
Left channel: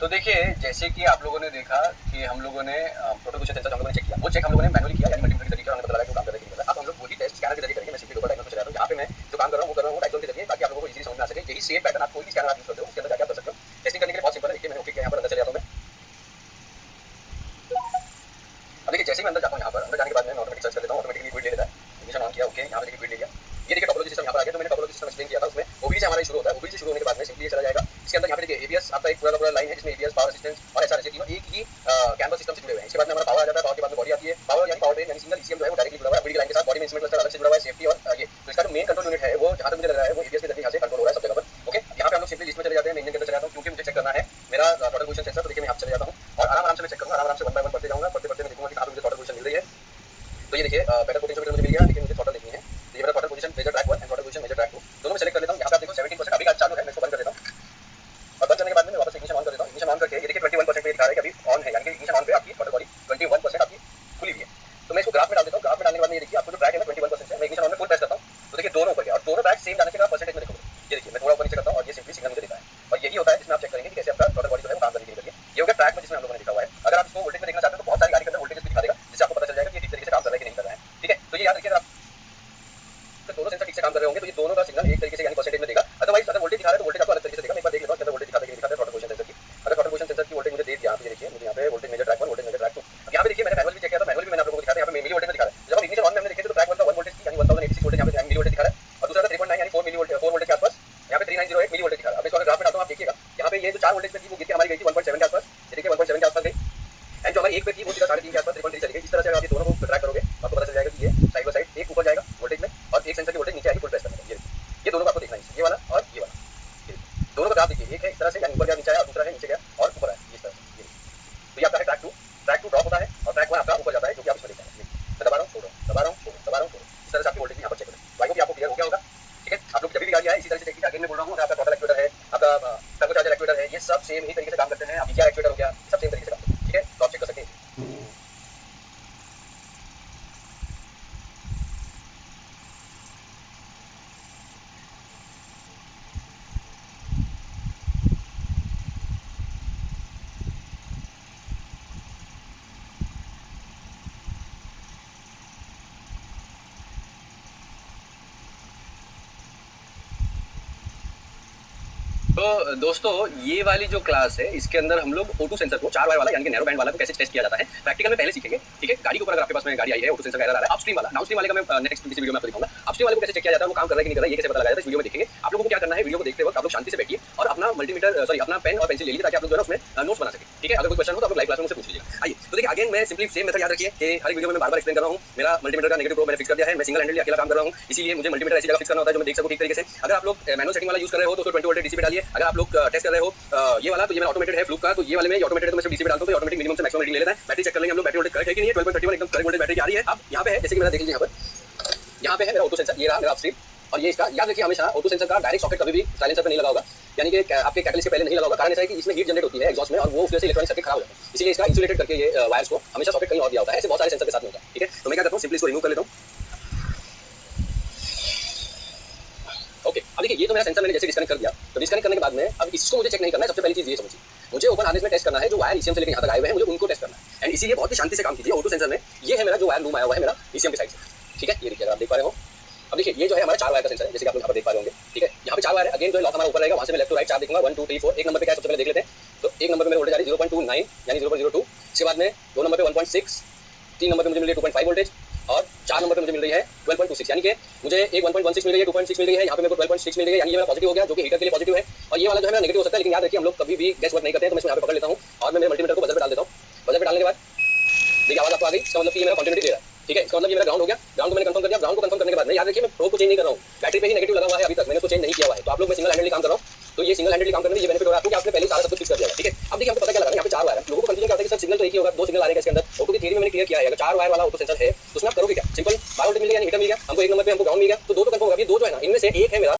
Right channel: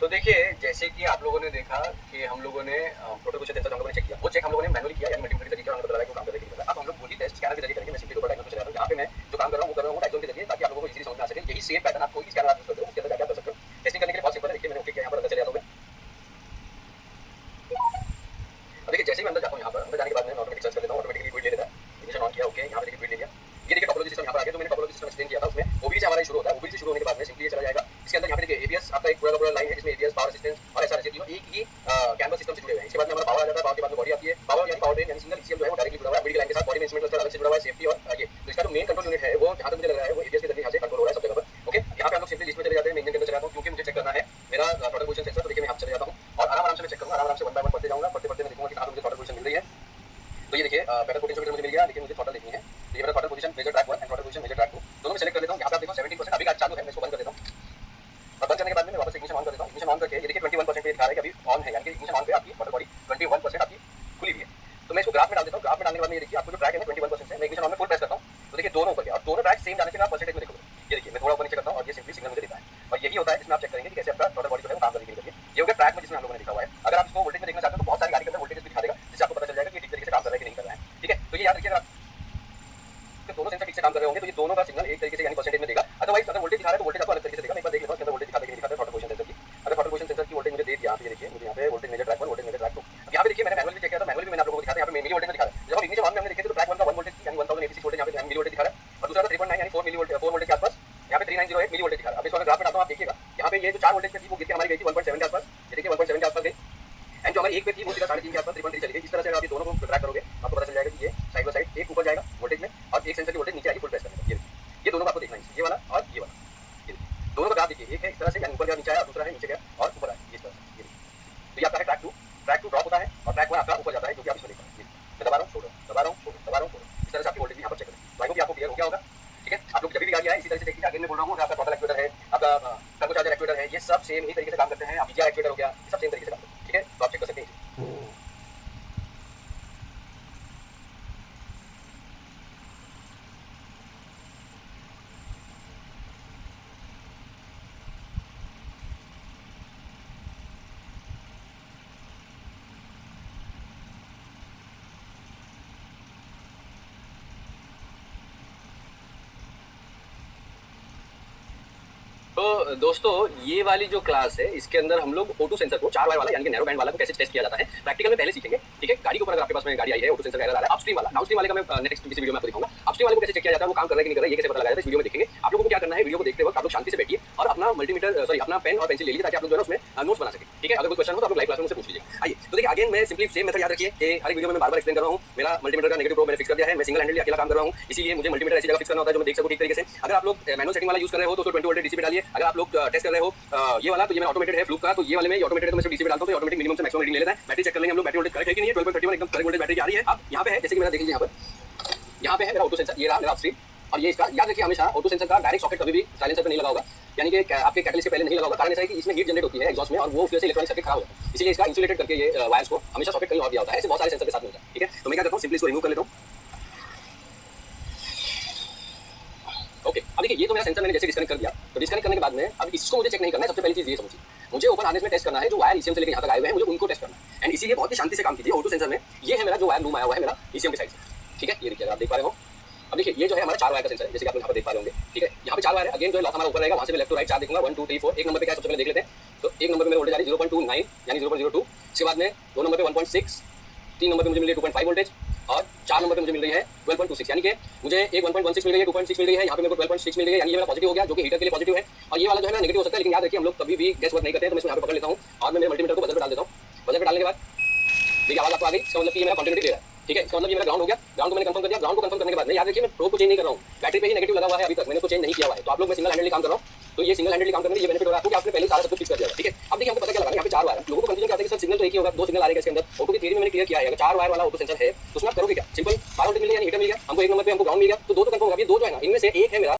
तो देखिए जैसे कि आप लोगों ने देखा कि हम लोगों ने प्रोटोकॉल सेंसर हम लोगों ने चेक किया, वो चेक हम लोगों ने मैनुअली किया, यानी मल्टीमीटर के जरिए हमने पता लगा कि काम कर रहा है कि नहीं कर रहा है। अब हम लोग वही टेस्ट स्कैनर के जरिए करेंगे। मैं सिंपली ऊपर डायग्राम चला रहा हूं, यहां पे मैं जो काम कर रहा हूं वो कर रहा हूं डायग्राम के जरिए, ताकि आप लोगों को इजीली समझ में आ सके। यही सेम पैटर्न आप कोई भी स्कैनर आप यूज करते हो उसके अंदर जाके आप कर सकते हो। टेस्टिंग करने के लिए बहुत सिंपल है। देखिए मैंने ओके किया, यहां पर अंदर चले जाता हूं मैं। अब देखिए जैसे ही मैं अंदर जाता हूं, यहां पर अंदर जाने के बाद मैं ऑटोमेटिक सर्च कर लेता हूं, ऑटोमेटिकली विड ले लेता है। इग्निशन ऑन किया, ओके, यहां पे देखिए विड ले लिया। ये देखिए टोपोलॉजी सिस्टम यहां पर आ गया। तो मैंने टोपोलॉजी सिस्टम एक्सप्लेन किया था उसमें ओबीडी से हमारा शुरू होता है। ओबीडी से शुरू होने के बाद में सिंपली ये चला जाएगा। इसके अंदर यहां पे देखिए एबीएस आपका एक पूरा का पूरा लाइन है जिसमें एबीएस पावर असिस्टेंस और एसआरएस तीनों एक ही कैमरा सिस्टम से जुड़े हुए हैं। इसके बाद में हमारा पावर आ जाता है, पावर के बाद में बॉडी आती है। पावर यानी पावर ट्रेन यानी सिंगल ईसीएम जो है वो डायरेक्टली जुड़ा हुआ है ओबीडी लाइन के साथ। बॉडी में इंस्ट्रूमेंट क्लस्टर अलग से जुड़ा हुआ है, सेफ्टी और ये तो इसका जो मेन कंट्रोल यूनिट है वो जहां तक मुझे लग रहा है वो एबीएस के जरिए यहां से कंट्रोल हो रहा है सब जगह पर। ओके, यहां पे हम लोग सिंपली लिस्ट में चले जाते हैं। मैं इंजन के अंदर चले जाता हूं क्योंकि मुझे चेक करना है मेरा टोटल पोजीशन सेंसर। तो देखिए मैं यहां पे चले जाता हूं और आराम आराम से मैं चेक करूंगा, आराम से 1 बाय 1 पढ़ते जाऊंगा। पढ़ते पढ़ते मैं देखूंगा कि कहां पे मुझे टोटल पोजीशन मिल रही है। तो ये देखिए पहला पोटेंशियोमीटर मुझे मिल गया, लेकिन मुझे टोटल देखनी है। तो ये मेरा total position major track 1 and total position major track 2 दोनों में सेलेक्ट कर लेता हूं। यहां पे आप देखो 17% अभी चालू है, मैं इसको बंद कर देता हूं। और बंद करने के बाद में मैं वापस इग्निशन ऑन कर देता हूं। इग्निशन ऑन करके ये देखिए 21% पे दिखा रहा है कि अभी ऑन है, यानी कि इग्निशन ऑन पे आपकी टोटल बॉडी 21% आपकी खुली हुई है। तो मैं इसको ग्राफ में डाल देता हूं। ग्राफ में डालने के बाद में ये देखिए आपको जो ट्रैक है ना 21% है। मैं इग्निशन ऑन में फुल प्रेस करता हूं तो देखिए दोनों ऊपर गया और दोनों ट्रैक सेम जाने से आप परसेंटेज में देखोगे। ये देखिए मैं थोड़ा ऊपर नीचे करता हूं और ये सिंपली सिग्नल मुझे देता है। और यही होता है जिसमें आप चेक करेंगे कि कैसे आपका टोटल बॉडी जो है वो काम करने के लिए। ये हो गया ट्रैक में जिसमें हम लोगों ने देखा हुआ है। अगर आप इसको वोल्टेज में देखना चाहते हो तो बहुत सारी गाड़ी के अंदर वोल्टेज भी दिखा देगा, जिससे आपको पता चल जाएगा कि ये ठीक तरीके से काम कर रहा है कि नहीं कर रहा है, ठीक है। तो ये याद रखिए अगर आप दोनों सेंसर ठीक से काम कर रहे होंगे तो ये दोनों का सिग्नल एक तरीके से यानी परसेंटेज में देगा। अदरवाइज अगर वोल्टेज दिखा रहा है तो वोल्टेज आपको अलग तरीके से देगा। मैं एक बार देख लेता हूं कि अंदर वोल्टेज दिखा देगा कि नहीं दिखाता है टोटल पोजीशन सेंसर की। अगर टोटल पोजीशन सेंसर की वोल्टेज मुझे दे दिया, आप ये देखिए मुझे यहां पे voltage measure track 1 voltage measure track 2। अब यहां पे देखिए मैंने मैनुअल भी चेक किया था, मैनुअल भी मैंने आप लोगों को दिखाया था। यहां पे मिली वोल्टेज में दिखा रहा है। जब आप इग्निशन ऑन में हमने देखे तो ट्रैक 1 का 1 वोल्टेज की यानी 1086 वोल्टेज यहां पे मिली वोल्टेज दिखा रहा है और दूसरा था 3.9 यानी 4 मिली वोल्टेज 4 वोल्टेज के आसपास यहां पे 3908 मिली वोल्टेज दिखा रहा है। अब इसको अगर ग्राफ में डालता हूं आप देखिएगा यहां पे ये जो 4 वोल्टेज पे थी वो गिर के हमारी गई थी 1.7 के आसपास। ये देखिए 1.7 के आसपास गई एंड जो हमारी एक पे थी वो सीधा 3.5 के आसपास 3.3 चली गई। इस तरह से आप ये दोनों को ट्रैक करोगे तो आपको पता चल जाएगा कि ये साइड बाय साइड एक ऊपर जाएगा वोल्टेज में और एक सेंसर की वोल्टेज नीचे आएगी फुल प्रेस करने पे। ये दोनों को आपको देखना है, ये वाला और ये वाला। दोनों का ग्राफ देखिए, एक है इस तरह से यानी ऊपर गया नीचे आया और दूसरा है नीचे गया और ऊपर आया इस तरह से। ये तो ये आपका है ट्रैक 2। ट्रैक 2 ड्रॉप होता है और ट्रैक 1 आपका ऊपर जाता है, जो कि आप इसमें देख पा रहे हैं। मैं दबा रहा हूं, छोड़ रहा हूं, दबा रहा हूं, छोड़ रहा हूं, दबा रहा हूं, छोड़ रहा हूं। इस तरह से आपकी वोल्टेज यहां पर चेक करें। आई होप आपको क्लियर हो गया होगा, ठीक है। आप लोग जब भी गाड़ी आए इसी तरह से चेक कीजिए। अगेन मैं बोल रहा हूं आपका टोटल एक्चुएटर है, आपका टर्बोचार्जर एक्चुएटर है, ये सब सेम ही तरीके से काम करते हैं। आप ईजीआर एक्चुएटर हो गया, सब सेम तरीके से काम करते हैं, ठीक है। तो आप चेक कर सकते हैं। तो दोस्तों ये वाली जो क्लास है इसके अंदर हम लोग O2 सेंसर को 4 वायर वाला यानी कि नैरो बैंड वाला को कैसे टेस्ट किया जाता है प्रैक्टिकल में पहले सीखेंगे, ठीक है। गाड़ी के ऊपर अगर आपके पास में गाड़ी आई है O2 सेंसर का एरर आ रहा है, अपस्ट्रीम वाला डाउनस्ट्रीम वाले का मैं नेक्स्ट किसी वीडियो में आपको दिखाऊंगा। अपस्ट्रीम वाले को कैसे चेक किया जाता है, वो काम कर रहा है कि नहीं कर रहा है, ये कैसे पता लगाया जाता है, इस वीडियो में देखेंगे। आप लोगों को क्या करना है, वीडियो को देखते वक्त आप लोग शांति से बैठिए और अपना मल्टीमीटर सॉरी अपना पेन और पेंसिल ले लीजिए ताकि आप लोग जो है उसमें नोट्स बना सके, ठीक है। अगर कोई क्वेश्चन हो तो आप लोग लाइव क्लास में मुझसे पूछ लीजिएगा। आइए तो देखिए अगेन मैं सिंपली सेम मेथड याद रखिए कि हर वीडियो में मैं बार-बार एक्सप्लेन कर रहा हूं। मेरा मल्टीमीटर का नेगेटिव प्रोब मैंने फिक्स कर दिया है, मैं सिंगल हैंडली अकेला काम कर रहा हूं, इसीलिए मुझे मल्टीमीटर ऐसी जगह फिक्स करना होता है जो मैं देख सकूं ठीक तरीके से। अगर आप लोग मैनुअल सेटिंग वाला यूज कर रहे हो तो उसको 20 वोल्ट डीसी पे डालिए। अगर आप लोग टेस्ट कर रहे हो ये वाला तो ये मेरा ऑटोमेटेड है फ्लूक का, तो ये वाले में ऑटोमेटेड है तो मैं सिर्फ डीसी पे डालता हूं तो ऑटोमेटिक मिनिमम से मैक्सिमम रीडिंग ले लेता है। बैटरी चेक कर लेंगे हम लोग, बैटरी वोल्टेज करेक्ट है कि नहीं है। 12.31 एकदम करेक्ट वोल्टेज बैटरी आ रही है। अब यहां पे है जैसे कि मेरा देख लीजिए यहां पे है मेरा O2 सेंसर, ये रहा मेरा अपस्ट्रीम और ये इसका याद रखिए हमेशा O2 सेंसर का डायरेक्ट सॉकेट कभी भी साइलेंसर पे नहीं लगा होगा, यानी कि आपके कैटलिस्ट के पहले नहीं लगा होगा। कारण ऐसा है कि इसमें हीट जनरेट होती है एग्जॉस्ट में और वो उससे इलेक्ट्रॉनिक सर्किट खराब हो जाता है, इसलिए इसका इंसुलेटेड करके ये वायर्स को हमेशा सॉकेट कहीं और दिया होता है। ऐसे बहुत सारे सेंसर के साथ में होता है, ठीक है। तो मैं क्या करता हूं सिंपली इसको रिमूव कर लेता हूं। ओके अब देखिए ये तो मेरा सेंसर मैंने जैसे डिस्कनेक्ट कर दिया, तो डिस्कनेक्ट करने के बाद में अब इसको मुझे चेक नहीं करना है। सबसे पहली चीज ये समझिए, मुझे ओपन हार्नेस में टेस्ट करना है जो वायर ईसीएम से लेकर यहां तक आए हुए हैं, मुझे उनको टेस्ट करना है। एंड इसीलिए बहुत ही शांति से काम कीजिए। O2 सेंसर में ये है मेरा जो वायर लूम आया हुआ है मेरा ईसीएम के साइड से, ठीक है। ये देखिए आप देख पा रहे हो। अब देखिए ये जो है हमारा 4 वायर का सेंसर है, जैसे कि आप लोग यहां पर देख पा रहे होंगे, ठीक है। यहां पे 4 वायर है। अगेन जो है लॉक हमारा ऊपर रहेगा, वहां से मैं लेफ्ट टू राइट 4 देखूंगा 1 2 3 4। एक नंबर पे क्या है सबसे पहले देख लेते हैं। तो एक नंबर पे मेरा वोल्टेज आ रही है 0.29 यानी 0.02 इसके बाद में 2 नंबर पे 1.6, 3 नंबर पे मुझे मिल रही है 2.5 वोल्टेज और 4 नंबर पे मुझे मिल रही है 12.26, यानी कि मुझे एक 1.16 मिल रही है, 2.6 मिल रही है, यहाँ पे मेरे को 12.6 मिल रही है, यानी ये मेरा पॉजिटिव हो गया, जो कि हीटर के लिए पॉजिटिव है। और ये वाला जो है मेरा नेगेटिव हो सकता है, लेकिन याद रखिए हम लोग कभी भी गैस वर्क नहीं करते हैं, तो मैं इसको यहाँ पे पकड़ लेता हूँ और मैं मेरे मल्टीमीटर को बजर पे डाल देता हूँ। बजर पे डालने के बाद देखिए आवाज आपको आ गई, इसका मतलब कि ये मेरा कंटिन्यूटी दे रहा है, ठीक है। इसका मतलब ये मेरा ग्राउंड हो गया। ग्राउंड को मैंने कंफर्म कर दिया। ग्राउंड को कंफर्म करने के बाद में याद रखिए मैं प्रोब को चेंज नहीं कर रहा हूँ, बैटरी पे ही नेगेटिव लगा हुआ है, अभी तक मैंने उसको चेंज नहीं किया हुआ है। तो आप लोग मैं सिंगल हैंडेडली काम कर रहा हूँ, तो ये सिंगल हैंडेडली काम करने में ये बेनिफिट हो रहा है आपको कि आपने पहले सारा सब कुछ फिक्स कर दिया है, ठीक है। अब देखिए हमको पता क्या लगा, यहाँ पे 4 वायर है, लोगों को कंफ्यूजन क्या होता है कि सर सिग्नल तो एक ही होगा, 2 सिग्नल आ रहे हैं इसके अंदर। ऑटो की थ्योरी में मैंने क्लियर किया है, अगर 4 वायर वाला ऑटो सेंसर है तो उसमें आप करोगे क्या, सिंपल 12 वोल्टेज मिल गया, यानी हीटर मिल गया हमको, 1 नंबर पे हमको ग्राउंड मिल गया, तो 2 तो कंफर्म होगा। ये 2 जो है ना, इनमें से एक है मेरा